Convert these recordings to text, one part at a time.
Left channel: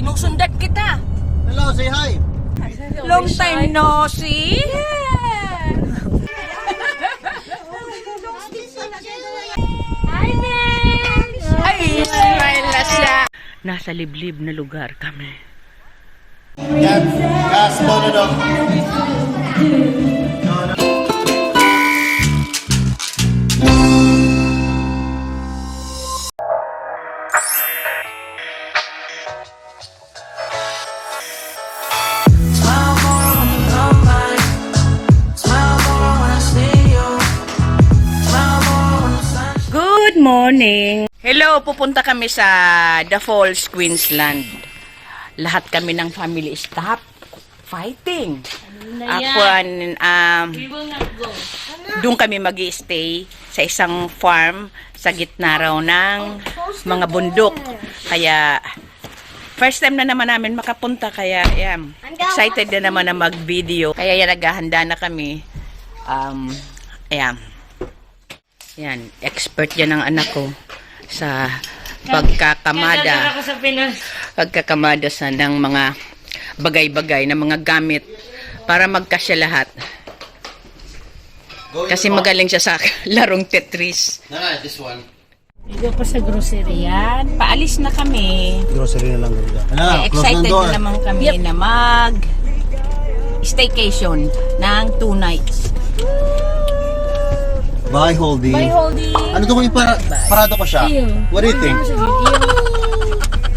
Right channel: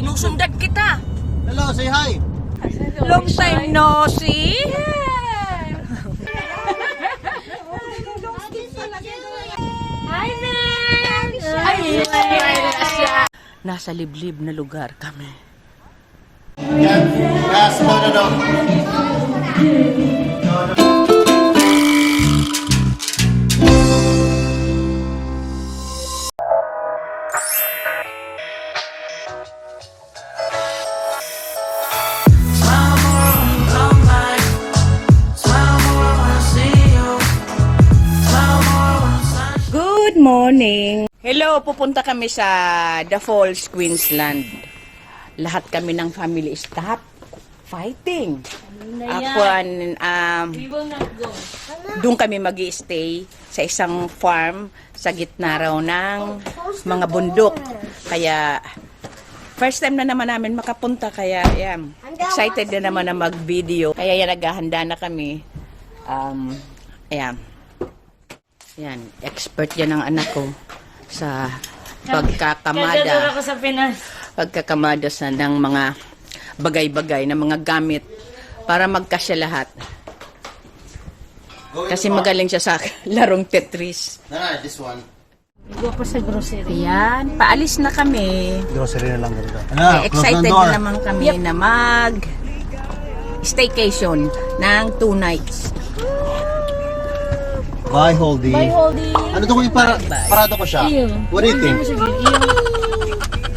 Sinusundan kita. Hello, say hi. Long time no see. Ay, nasa liblib na lugar kami. Yes, no. Good morning. Hello, pupunta kami sa The Falls, Queensland. Lahat kami ng family stop fighting. Ako, doon kami mag-i-stay sa isang farm sa gitna raw ng mga bundok. Kaya, first time na naman namin makapunta. Kaya, yan, excited na naman na mag-video. Kaya yan, naghahanda na kami. Ayan. Yan, expert yan ang anak ko sa pagkakamada ng mga bagay-bagay, ng mga gamit para magkasya lahat. Kasi magaling siya sa larong Tetris. This one. Igo pa sa grocery. Yan, paalis na kami. Grocery na lang ganito. Excited na naman kami na staycation ng 2 nights. Bye, Holdy. Bye, Holdy. Ano to kung parada ko siya? What do you think?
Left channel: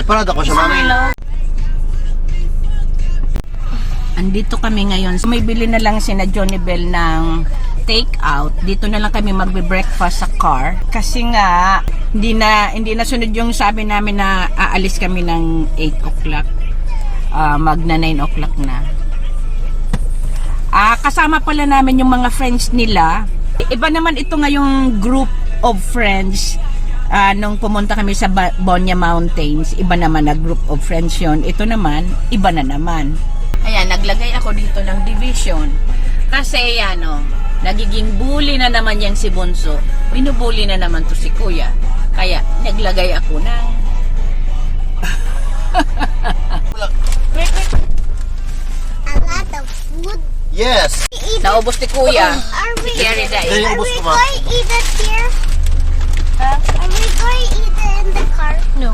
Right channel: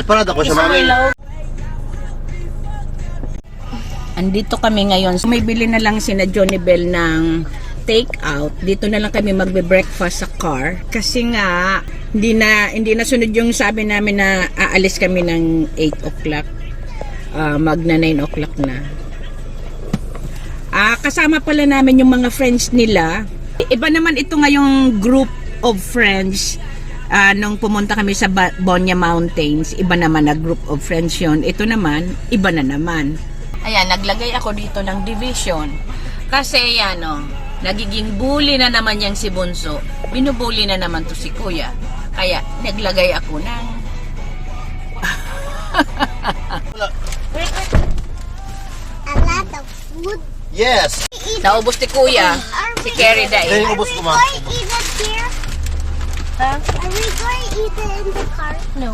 Parada ko siya, mami. Andito kami ngayon. May bili na lang sina Johnny Bell ng take out. Dito na lang kami magbe-breakfast sa car. Kasi nga, hindi na sunod yung sabi namin na aalis kami ng 8 o'clock. Magna 9 o'clock na. Kasama pala namin yung mga friends nila. Iba naman ito ngayong group of friends. Nung pumunta kami sa Bonya Mountains, iba naman na group of friends yun. Ito naman, iba na naman. Ayan, naglagay ako dito ng division. Kasi yan, nagiging bully na naman yan si Bunso. Binubully na naman to si Kuya. Kaya, naglagay ako ng... Wait. A lot of food. Yes. Naubos ni Kuya. Si Kerry dahil. Ubus ko, ma. Are we going to eat it here? Are we going to eat it in the car? No.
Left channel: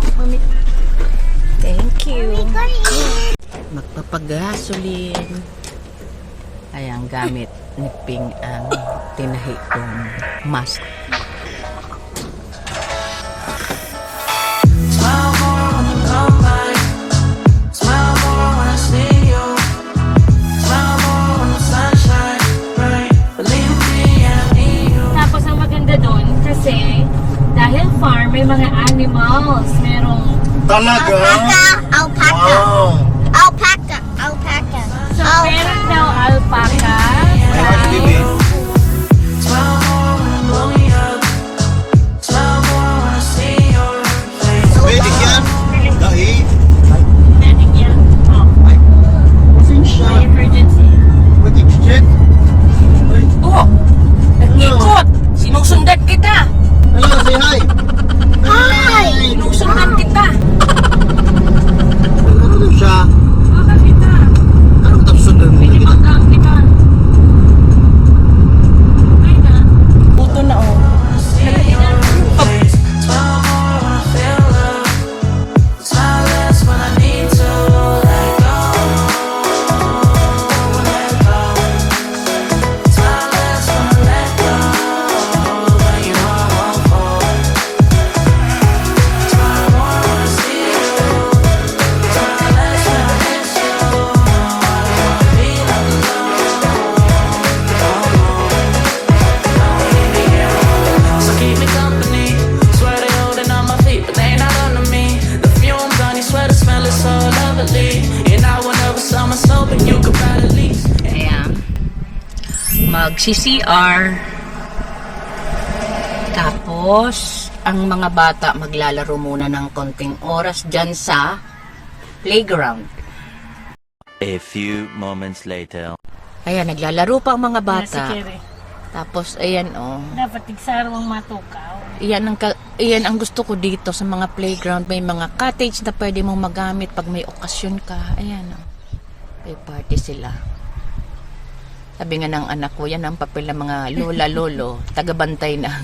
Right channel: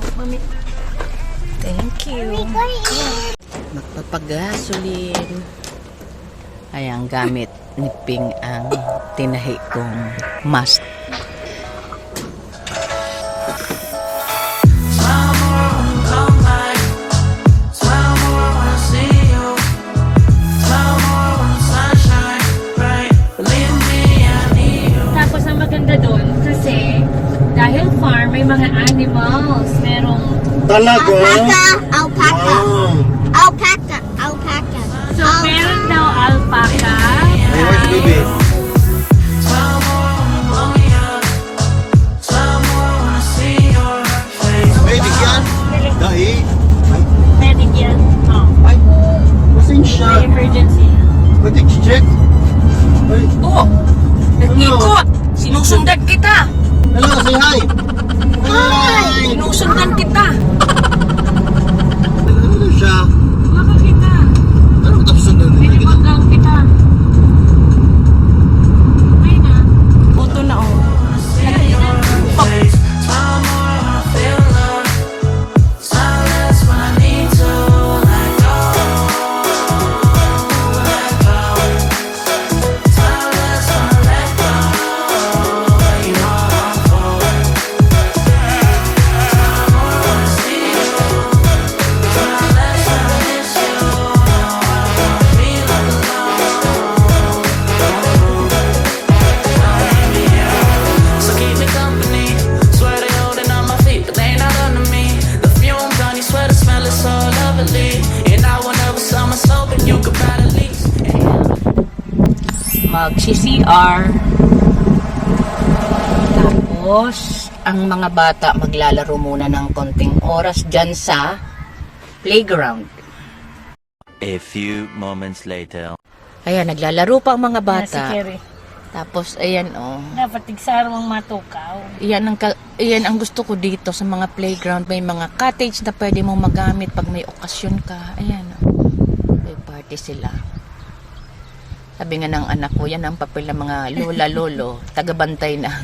Thank you. Are we going to eat it? Magpapagasolin. Ay, ang gamit ni Ping ang tinahi kong mask. Tapos ang maganda doon kasi dahil farm may mga animals. Merong Talaga? Alpaca. Wow. Alpaca. Alpaca. so meron daw alpaca. Nice, baby. Pwede yan? Dahi? Meron yan. Pasensya. Emergency. Pwede check? Oh! Nag-ikot! Sinusundan kita! Hello, say hi. Hi. Sinusundan kita! Ano siya? Baka kita. Ano tapos sundan Pwede kita? pagkaw kita. Ay na. Buto na oh. Mag-CCR. Tapos, ang mga bata maglalaro muna ng konting oras dyan sa playground. A few moments later. Ayan, naglalaro pa ang mga bata. Si Kerry. Tapos, ayan, oh. Dapat tigsarong matukaw. Iyan ang gusto ko dito sa mga playground. May mga cottage na pwede mong magamit pag may okasyon ka. Ayan, may party sila. Sabi nga ng anak ko, yan ang papel ng mga lola-lolo, tagabantay ng,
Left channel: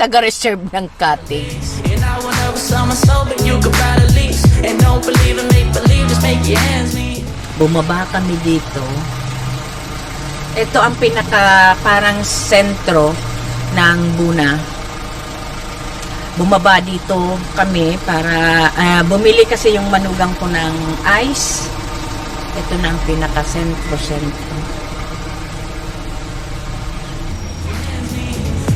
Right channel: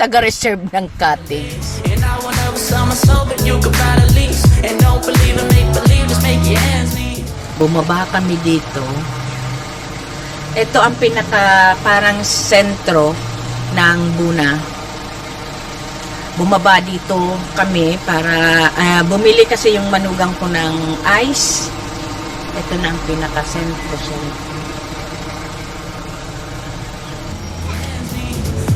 taga-reserve ng cottage. And I will never sell my soul, but you could buy the lease. And don't believe in make believe, just make your hands meet. Bumaba kami dito. Ito ang pinaka parang sentro ng Buna. Bumaba dito kami para bumili kasi yung manugang ko ng ice. Ito na ang pinaka sentro.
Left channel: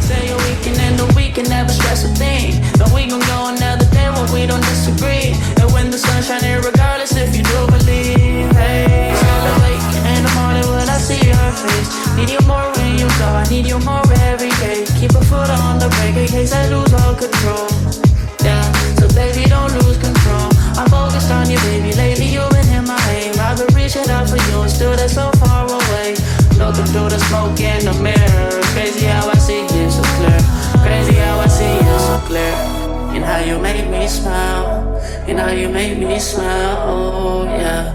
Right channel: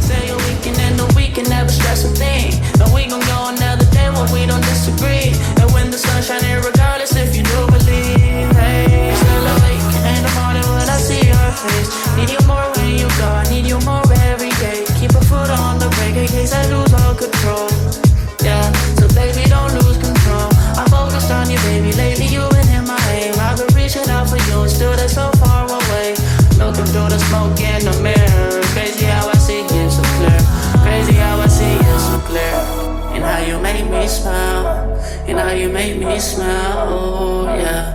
Say a weekend and the weekend never stress a thing. But we gon' go another day when we don't disagree. And when the sun's shining, regardless if you do believe. Hey, celebrate in the morning when I see your face. Need you more when you go, I need you more every day. Keep a foot on the brake in case I lose all control. Yeah, so baby don't lose control. I'm focused on you, baby. Lately you've been in my aim. I've been reaching out for you and still they're so far away. Looking through the smoke in the mirror. Crazy how I see you so clear. Crazy how I see you so clear. And how you make me smile. And how you make me smile. Oh yeah.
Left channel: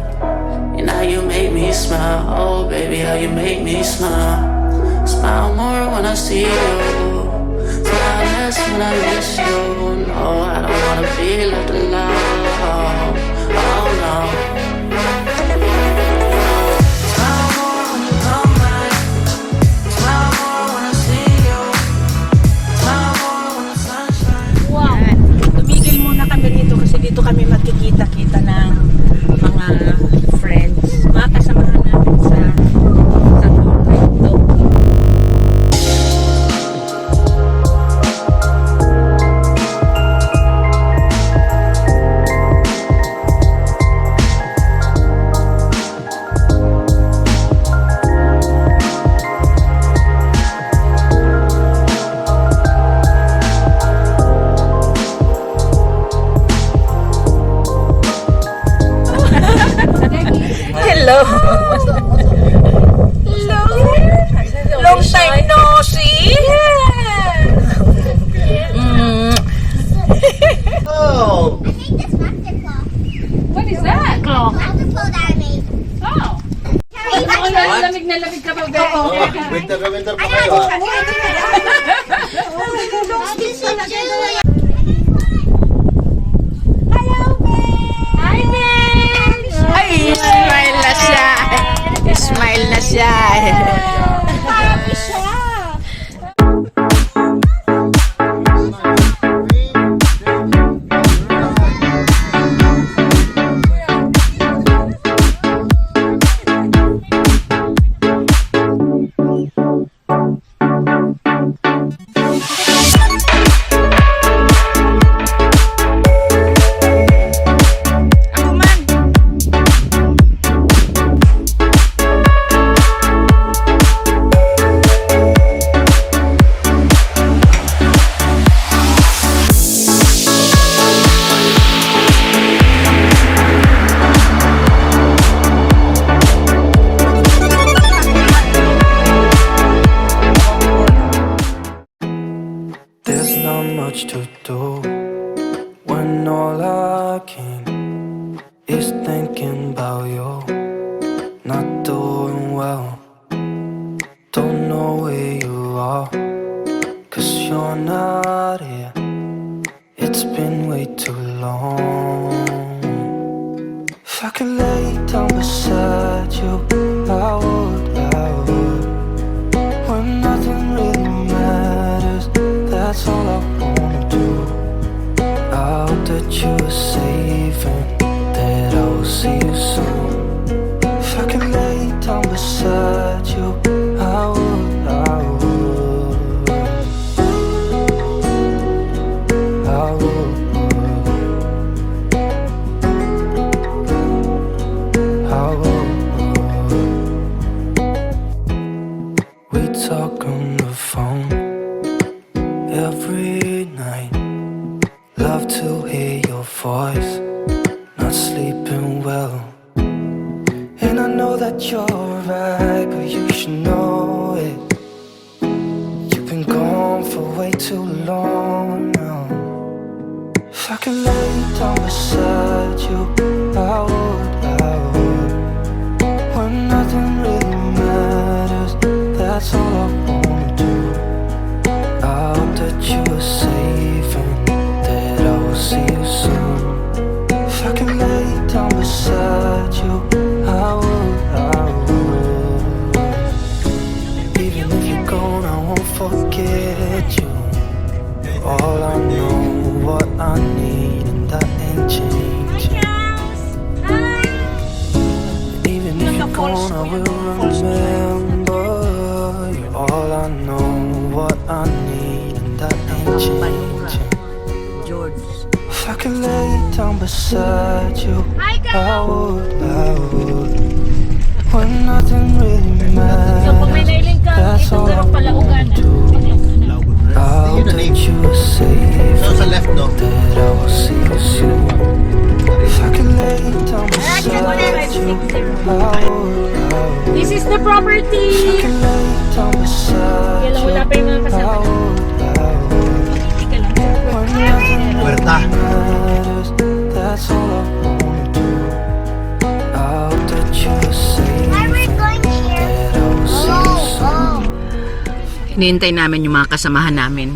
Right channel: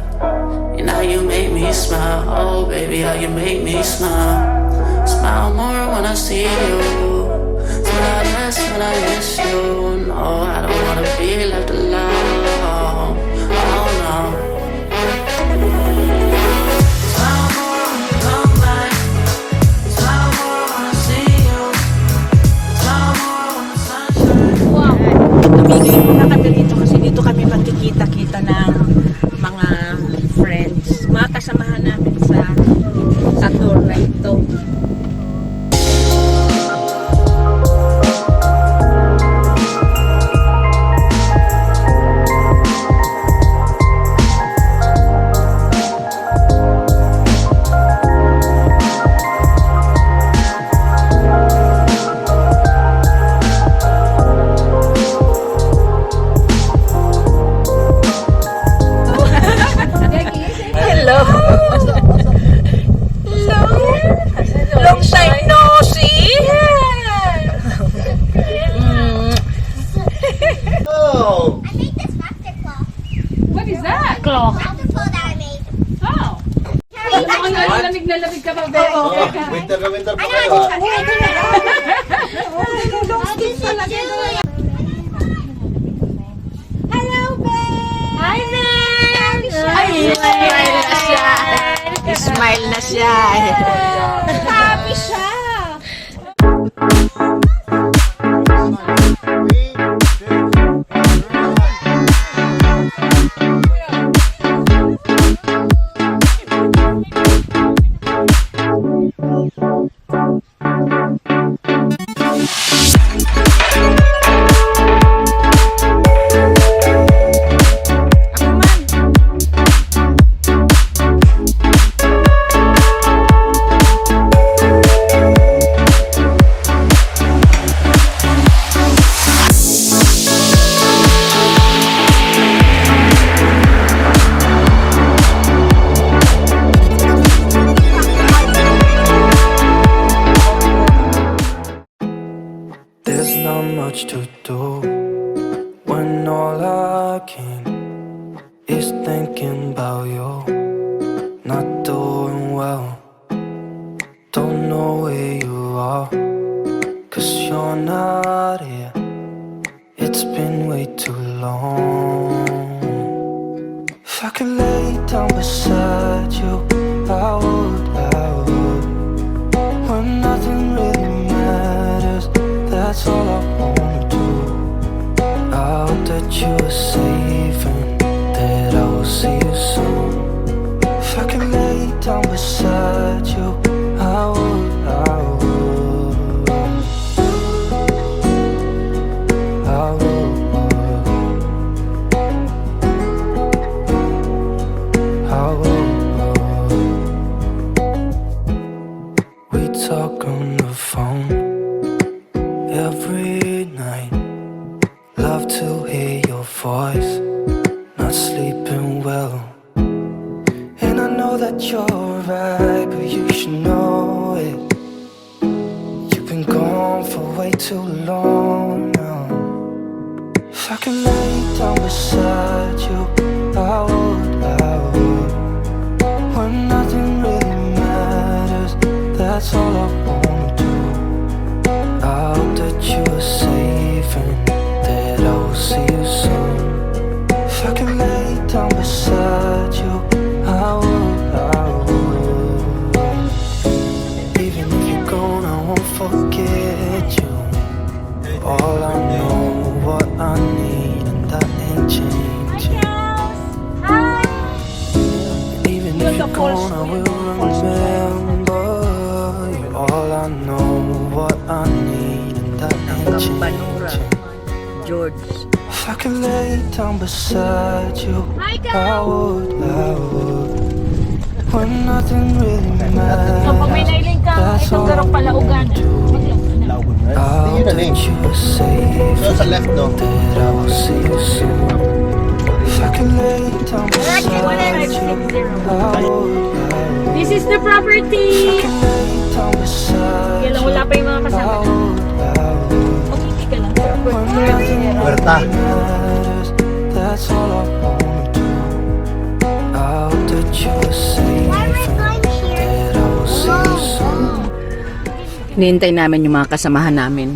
And how you make me smile. Oh baby, how you make me smile. Smile more when I see you. Smile less when I miss you. No, I don't wanna be left alone. Oh no. Tumigil muna kami dito kasi dito kami magkikita-kita ng mga friends. Mga kasamahan namin sa tour na ito. Hello. Hello. Long time no see. Oh! I made this laughter claw. What is that? Laughter claw that I made. Oh. Carrie, Lamig na lamig ka pa. Winter pa I know kayo. I'll do some Julia. Hello, babe. Hi, man. Ay, smile na siya. Smile na siya. Happy siya. There's not much to do when all I can is thinking about you. Not doing well, don't know where you are, 'cause you're not here. It's been way too long. If I could lay down beside you, I would. When nothing really matters, that's all I wanna do. I hope that you are safe and that I will see you soon. If I could lay down beside you, I would. We talk on the phone every night. Love to hear your voice. Not sleeping well. And I know that you're right, but you should know it. You've been been gone for way too long now. If I could lay down beside you, I would. When nothing really matters, that's all I wanna do. I hope that you are safe and that I will see you soon. If I could lay down beside you, I would. Even if you're gone, I won't forget you. You're all I know, what I need, and that ain't changing. And even if you're gone, I will remember. You're all I know, what I need, and that ain't changing. George. If I could lay down beside you, I would. When nothing really So, pag may matters, nailing ka, that's itong all I garong palaugan. wanna do. I hope that you are safe No, sa left, no. and that I will see you soon. If I could lay down beside you, I would. This is the If I property. could lay down beside Kailan you, wala pa yung mga I kasama. would. Hindi ka lang, sir. When nothing really Puerta. matters, that's all I wanna do. I hope that you are safe and that I will see you soon. Hinihintay namin yung mga kasamahan namin.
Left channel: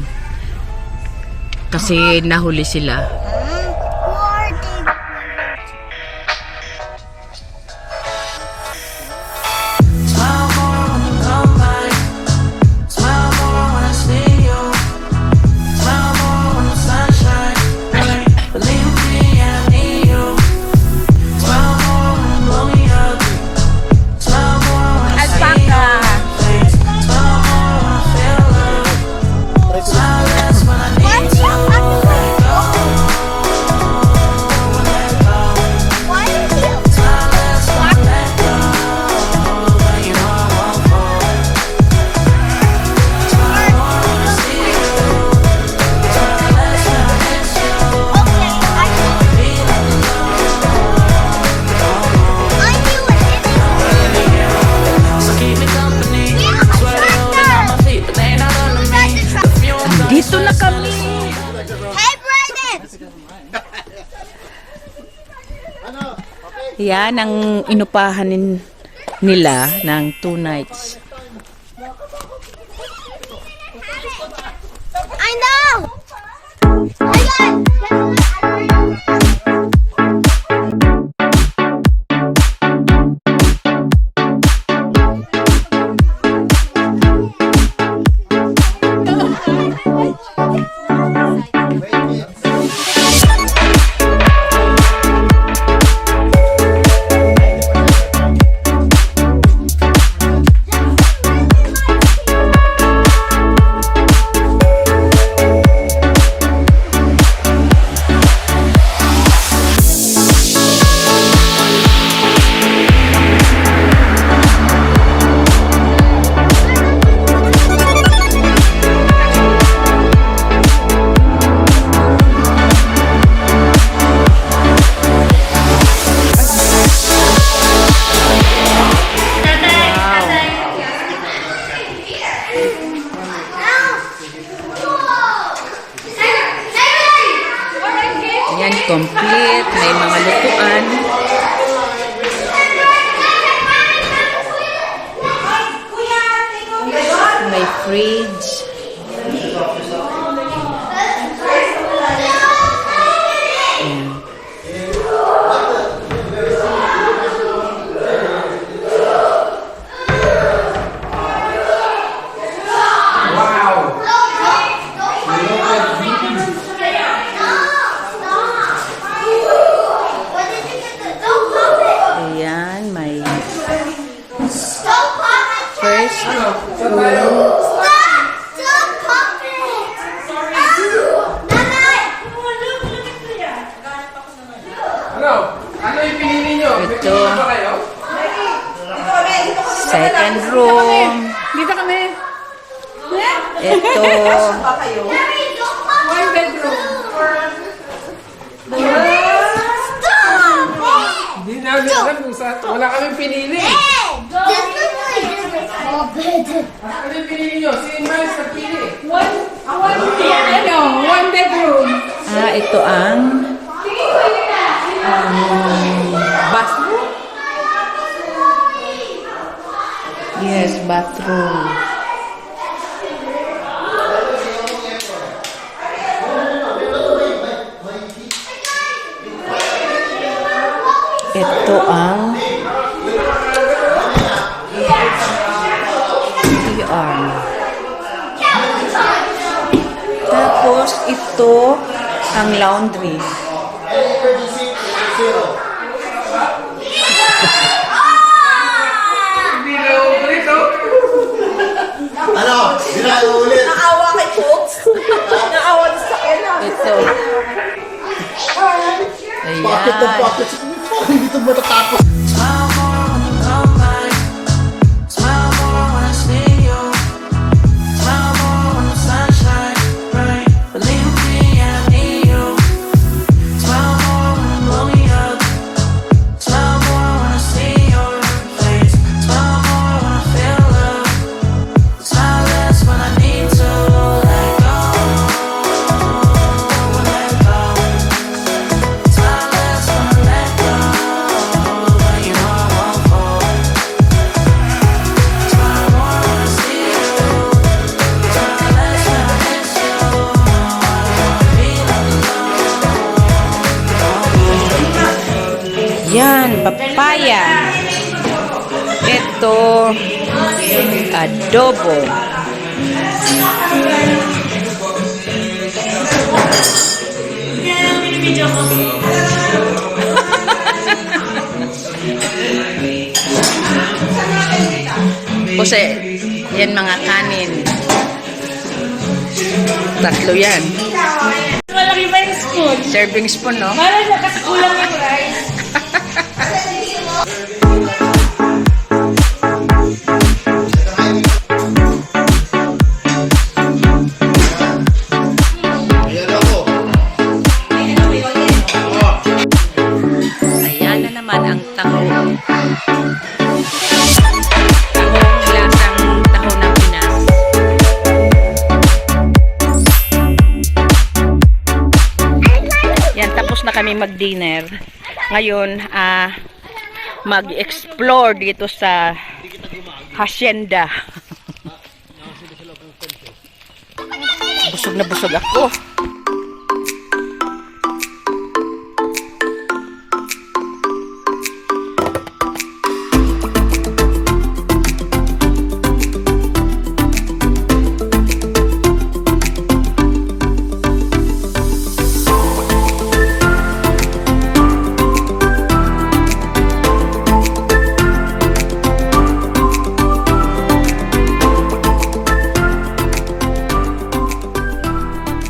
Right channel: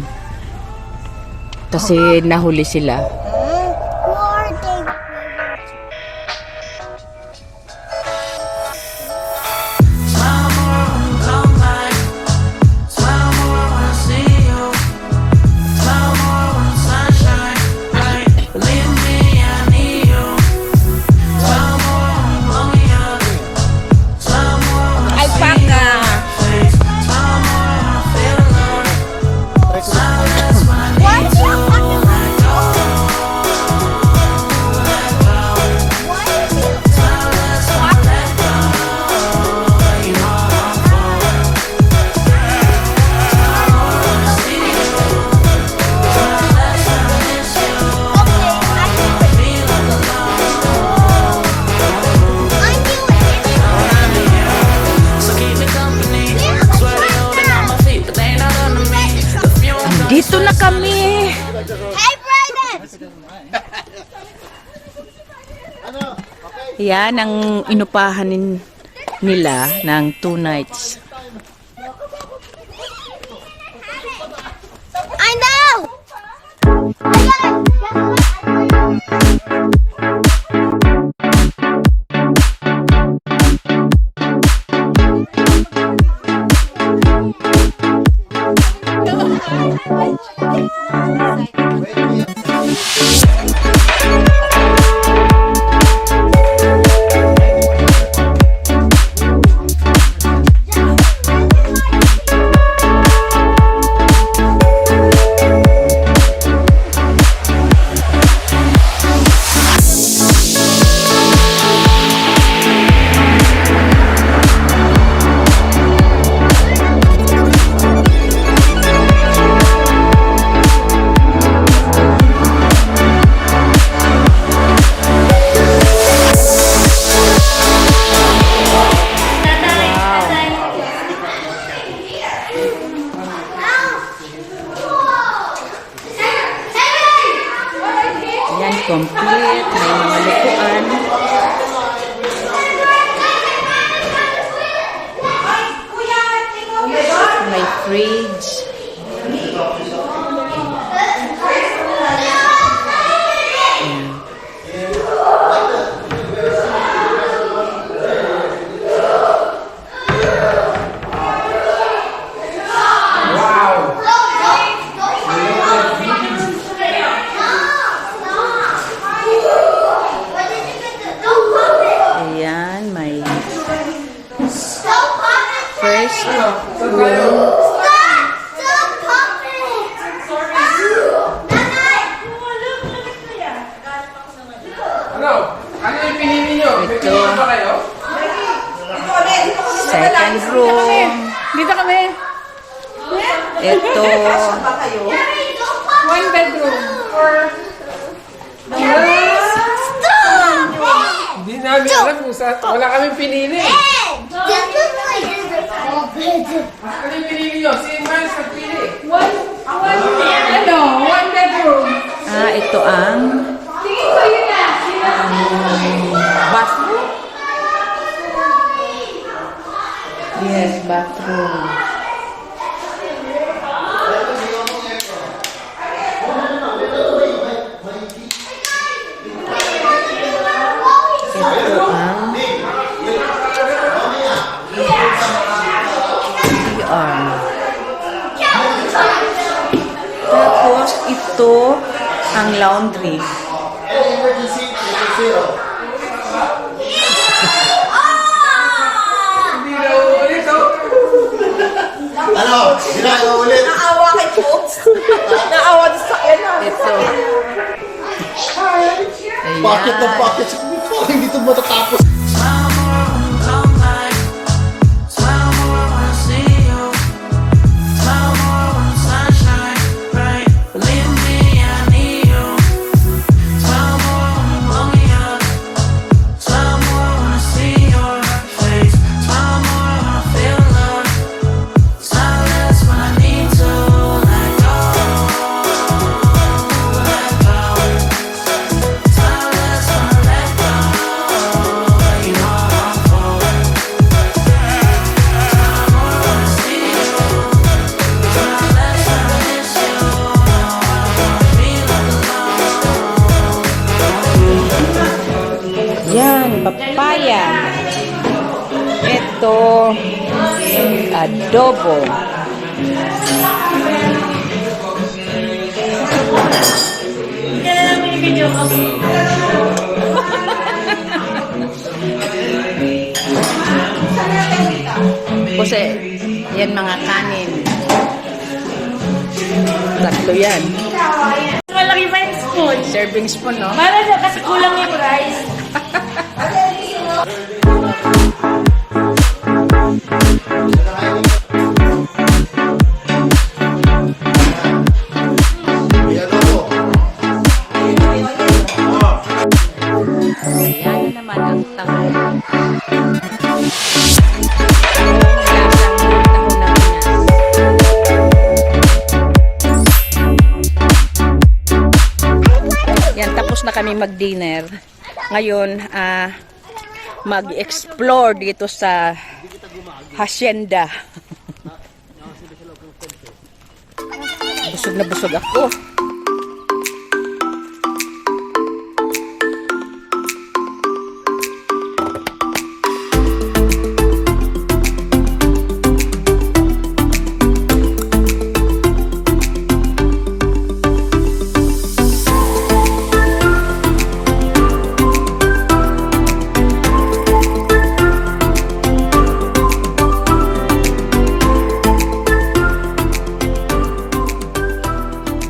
Kasi nahuli sila. Smile more when you come by. Smile more when I see you. Smile more when the sun shines. Right? Believe me, I need you. Smile more when you blow me up. Smile more when I see your face. Smile more when I feel love. Smile less when I need to let go. Let go. Smile less when I let go. But you know I won't fall. Smile more when I see you. Smile less when I miss you. Feel alone. So keep me company. Swear they holding on my feet, but they not under me. The fumes got me Dito na kami! Hey, Brayden! Yan ang inupahan nila ng 2 nights. I know! Yan, complete. May mga lutuan. May fridge. Ayan. Ayan, may first room. Ano yung pinili nyo? Ito. Ba kayo? Second room. Dito kami. Ito. One bedroom. Hindi namin alam kung saan. Wala kaming pinili. Ano yung pinili nyo? Si Miles nagpili. One bedroom. Ito ang bathroom. Yes, bathroom. Ito ang CR. Tapos ito ang laundry. Ano? Sila ulit. Naawa kay folks. Naawa sa kanya. Ito. Pocket na Ayan. pocket. Parang hindi ito matatapos. Smile more when you come by. Smile more when I see you. Smile more when the sun shines bright. Believe me, I need you. Smile more when you blow me up. Smile more when I see your face. Smile more when I feel love. Smile less when I need to let go. Let go. Smile less when I let go. But you know I won't fall. Smile more when I see you. Smile less when I miss you. No, I don't wanna be left alone. Yan, papaya. Ito, adobo. Kasi, yan mga kanin. Tatlo yan. Malaki pa yung spoon. Serving spoon, no? Para na kasi kulang yung rice. Ayan ako. Ayan na naman ang taho. Tahong lasang taho ng Pinas. Yan, tapos na kami mag-dinner. Ngayon, mag-explore dito sa hacienda. Busog na busog ako.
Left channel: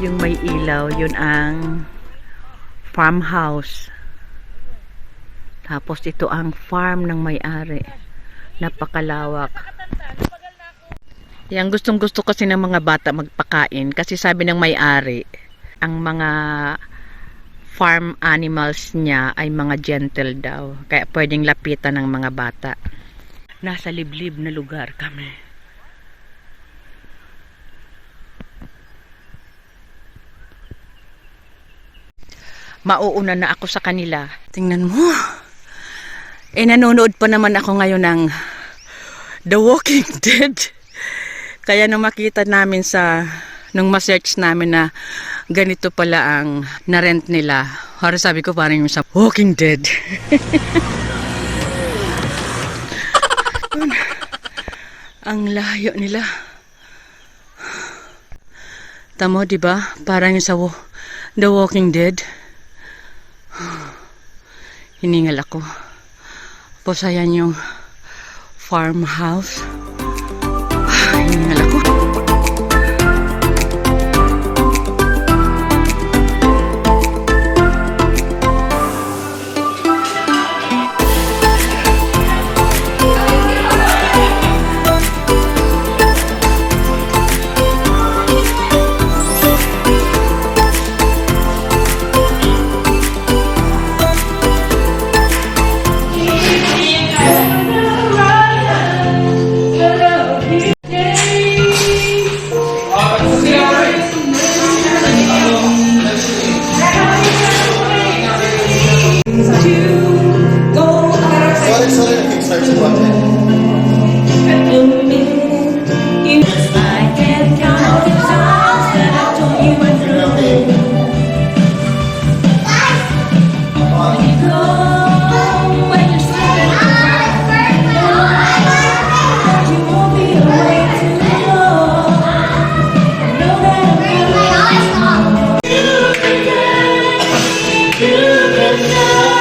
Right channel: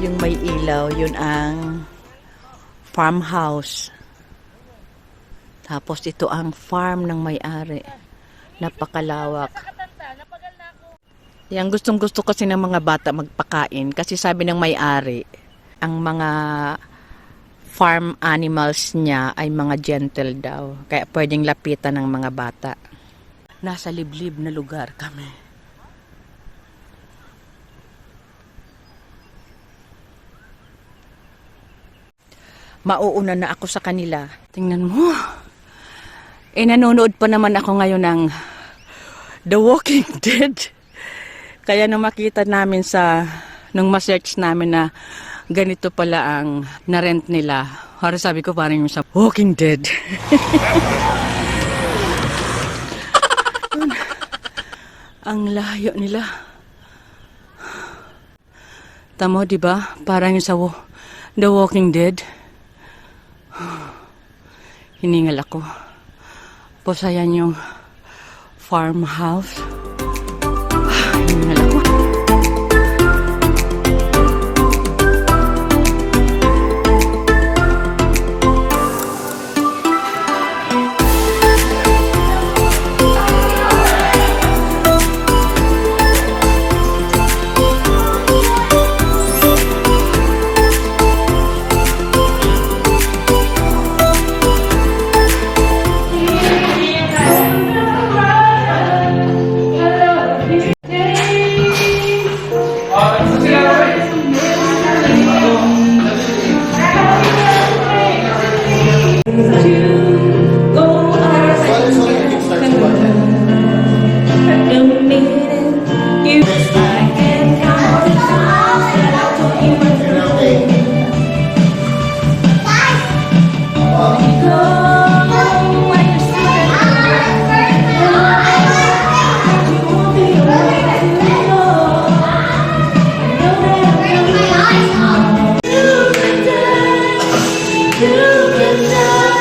Yung may ilaw, yun ang farmhouse. Tapos ito ang farm ng may-ari. Napakalawak. Yang gustong-gusto kasi ng mga bata magpakain kasi sabi ng may-ari, ang mga farm animals niya ay mga gentle daw. Kaya pwedeng lapitan ng mga bata. Nasa liblib na lugar kami. Mauuna na ako sa kanila. Tingnan mo. Nanonood pa naman ako ngayon ng The Walking Dead. Kaya nung makita namin nung ma-search namin na ganito pala ang na-rent nila. Para sabi ko parang yung sa Walking Dead. Ang layo nila. Tamo, di ba? Parang yung sa The Walking Dead. Hiningal ako. Tapos ayan yung farmhouse. Hiningal ako. Sorry, I kickstart si Roger. You can